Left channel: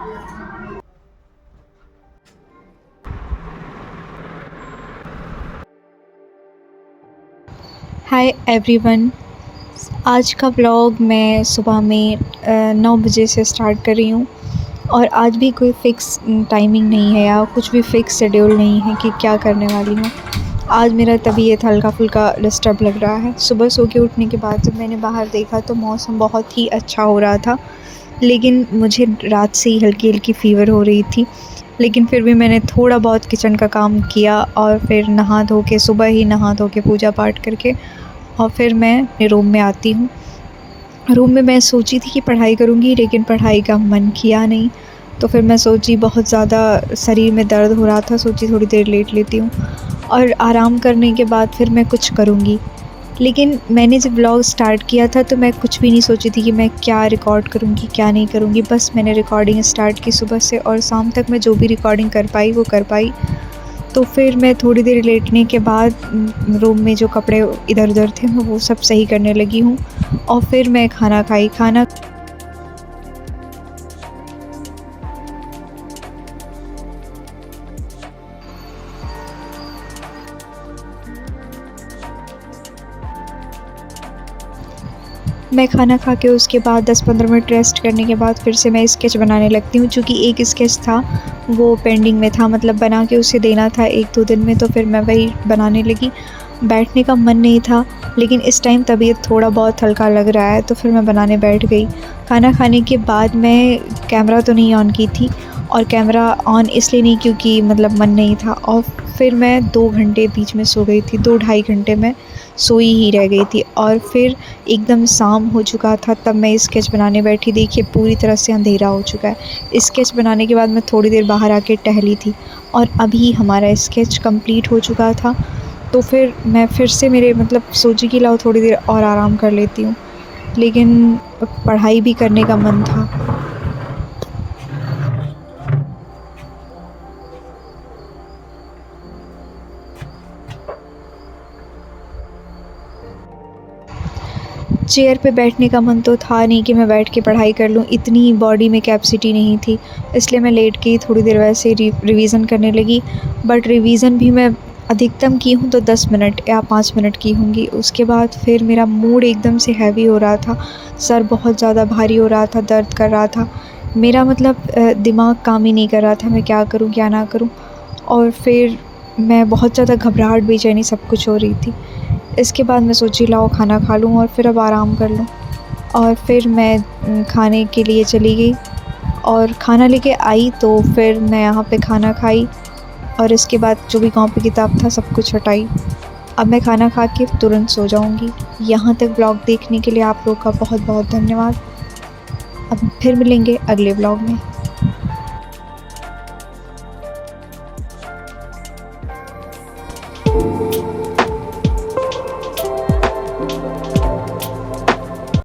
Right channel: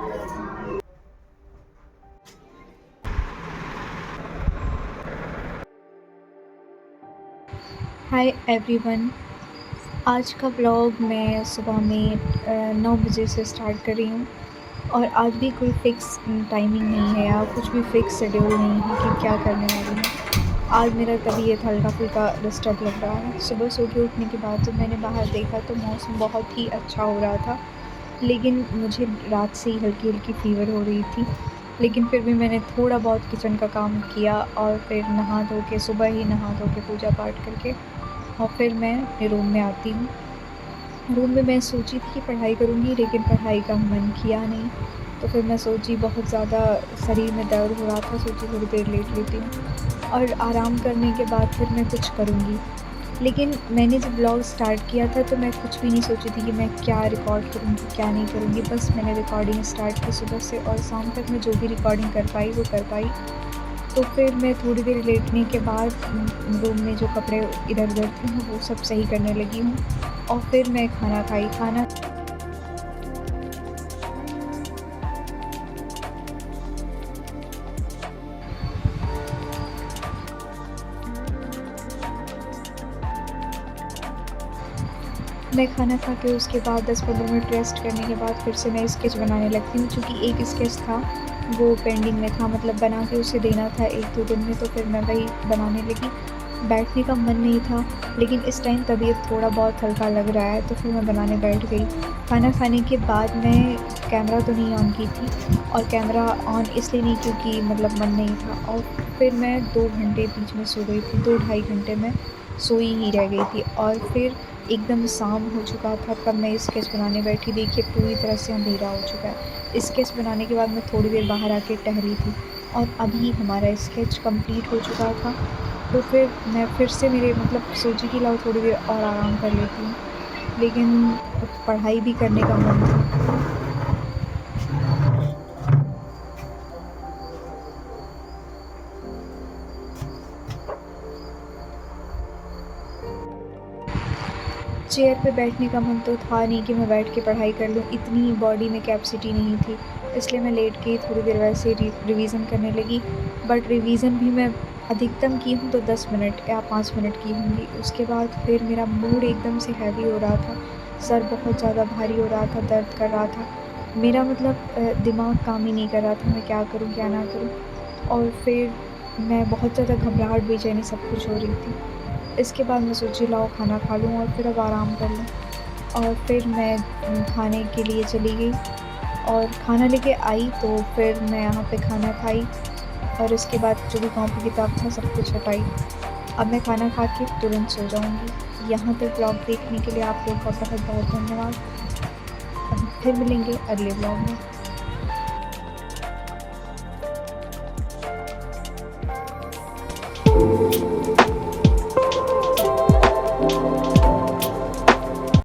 Hi everyone. आज का vlog मैं सुबह में 9 बजे से स्टार्ट कर रही हूँ और आज भी कोई फ़िक्स टाइमिंग नहीं है या कुछ भी फ़िक्स शेड्यूल नहीं है कि क्या करने वाली हूँ। आज मेरा तबीयत हल्का-फुल्का डिस्टर्ब लग रहा है। सुबह सो के उठने के बाद जब मैंने बाहर देखा तो मौसम बहुत ही अच्छा हो रहा था, लेकिन मुझे रात से ही हल्की-हल्की फ़ीवर हो रही थी। लेकिन फिर भी मैंने थोड़ा बहुत किचन का काम किया और फिर नहा धो के सुबह ही नहा धो के पूजा पाठ करके और फिर मैं अपने रूम में आती हूँ। रूम में मैं सोची थी कि पढ़ाई करूँगी, लेकिन पढ़ाई का मन किया नहीं। तो फिर मैं सोची बहुत ज़्यादा शरीर में दर्द हो रहा था, सोची थोड़ी देर लेट लेती हूँ और आराम करने के बाद फिर मैं कुछ करूँगी। लेकिन मैंने जब व्लॉग स्टार्ट किया था तो मैं कुछ भी नहीं सोची थी कि मैं क्या रिकॉर्ड करूँगी, क्या नहीं करूँगी। बस मैंने रिकॉर्डिंग स्टार्ट की सुबह से और शाम तक मैं जो भी रिकॉर्डिंग कर पाई वो कर पाई। तो फिर मैं थोड़ी देर लेटने के बाद रूम में जो कपड़े इधर-उधर थे मैं वो सब सही करने लगी हूँ और फिर मैं खाना खाई। खाना मैं खाना खा के उसके बाद 10-15 मिनट रेस्ट करने के बाद फिर से मैं स्केच बनाने लगती हूँ। चूँकि एक स्केच था वो पेंडिंग में था, मतलब बना के उसे देना था 1-2 दिन में, तो फिर मैं वही बनाने लगी। बैठने का मन नहीं था, लेकिन इस टाइम तबीयत थोड़ा बहुत हल्का लग रहा है तो फिर मैं बनाने बैठ गई। खाना खाने के बाद मैं कैमरा तो नहीं ऑन की थी और कैमरा ऑन इसलिए नहीं क्योंकि मतलब मन नहीं था, और फिर मैं 2 घंटे बीच में सो गई थी। 2 ढाई घंटे मैं सोई ही रह गई थी और फिर एकदम शाम हो चुका था तब मैं स्केच बनाने बैठी। देखिए पूरी तरह से अंधेरा हो चुका है। स्केच बनाने के बाद मैं थोड़ी देर बाहर आके टहली थी और अभी हमारा स्केच कंप्लीट हो चुका था। तो फिर मैं फिर से मेरे मतलब सोची कि लाओ थोड़ी देर और आराम कर लेती हूँ, लेकिन पढ़ाई भी करने का मन था। चेयर पे बैठने का मन तो था नहीं कि मैं बैठ के पढ़ाई कर लूँ, इतनी बॉडी में कैपेसिटी नहीं थी, इसलिए मैं लेट के ही थोड़ी देर वैसे ही रिवीज़न करने लगी। बट रिवीज़न भी मैं अधिकतम की हूँ तो 10 मिनट या 5 मिनट की होंगी। उसके बाद फिर मेरा मूड एकदम से हैवी हो रहा था, सर बहुत ज़्यादा भारी हो रहा था, दर्द कर रहा था। मेरा मतलब दिमाग काम ही नहीं कर रहा था, मैं क्या करूँ, क्या ना करूँ। और फिर मैं बहुत ज़्यादा घबराहट, बेचैनी सब कुछ हो रही थी। इसके बाद मैं सोची लाओ खाना खा लूँ और फिर अब आराम कर लूँ, और फिर मैं खाने के लिए चली गई और खाना लेके आई तो फिर मैं यहाँ पे खाना खाई और इसके बाद जो भी कॉपी किताब था सब कुछ हटाई। अब मैं खाना खा के तुरंत सो जाऊँगी। यहाँ तक व्लॉग देखने के लिए आप लोग का बहुत-बहुत धन्यवाद। अब फिर मिलेंगे अगले व्लॉग में।